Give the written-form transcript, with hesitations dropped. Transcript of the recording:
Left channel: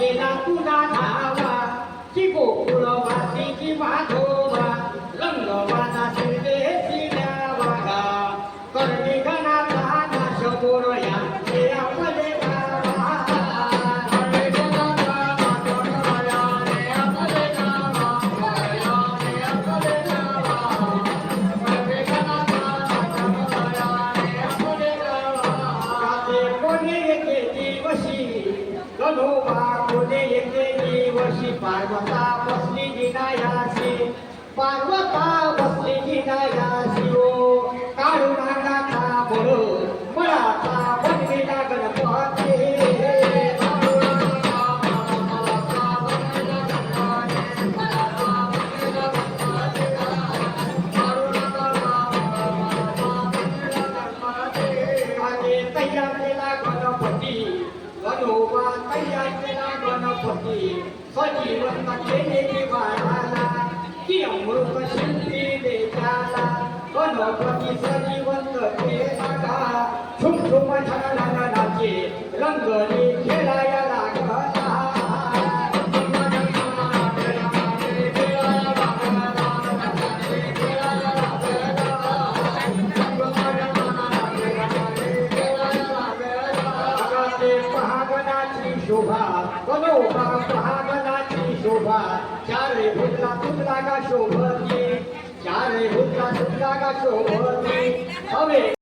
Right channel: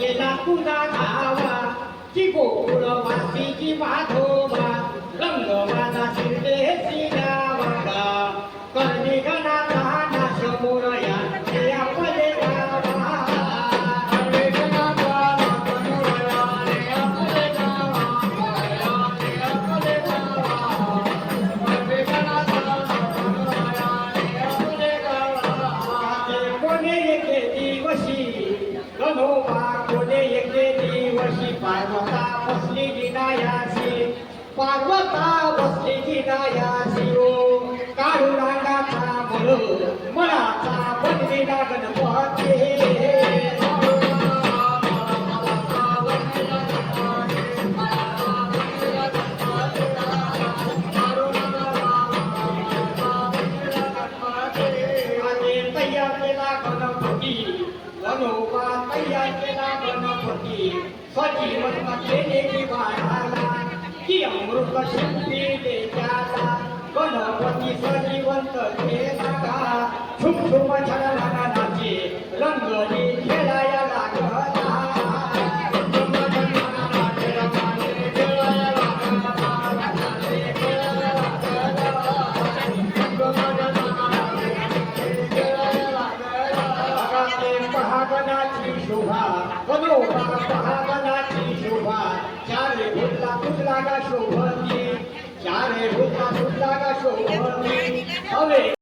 केला तुझा धावा की गोकुळ वासीची माधोबा रंगवाला शिरदेशी गावा करणी गणाचा नाश मोरया ते आपले गावा करणी गणाचा नाश मोरया ते आपले गावा ते आपले गावा करणी गणाचा नाश मोरया ते आपले गावा ते कोणी येते दिवशी गणोबा कोणे येते दिवशी पार्वता बसली गिनायासी पार्वता बसली गिनायासी ओ काढू नागाचा बळ मळाचा बनविला गणपती तयार केला गणपती गणोबा तयार केला गणपती सजीवन केले बाळाला की अमृत शिंपी देशाला गणपती सजीवंत केला छुम छुम छाला नाचे रंगली खेळाया लागला शोभा गणोबा पहागणाची शोभा चारे भुजला तुला गा शोभती चारे भुजला तुला गा शोभती हवे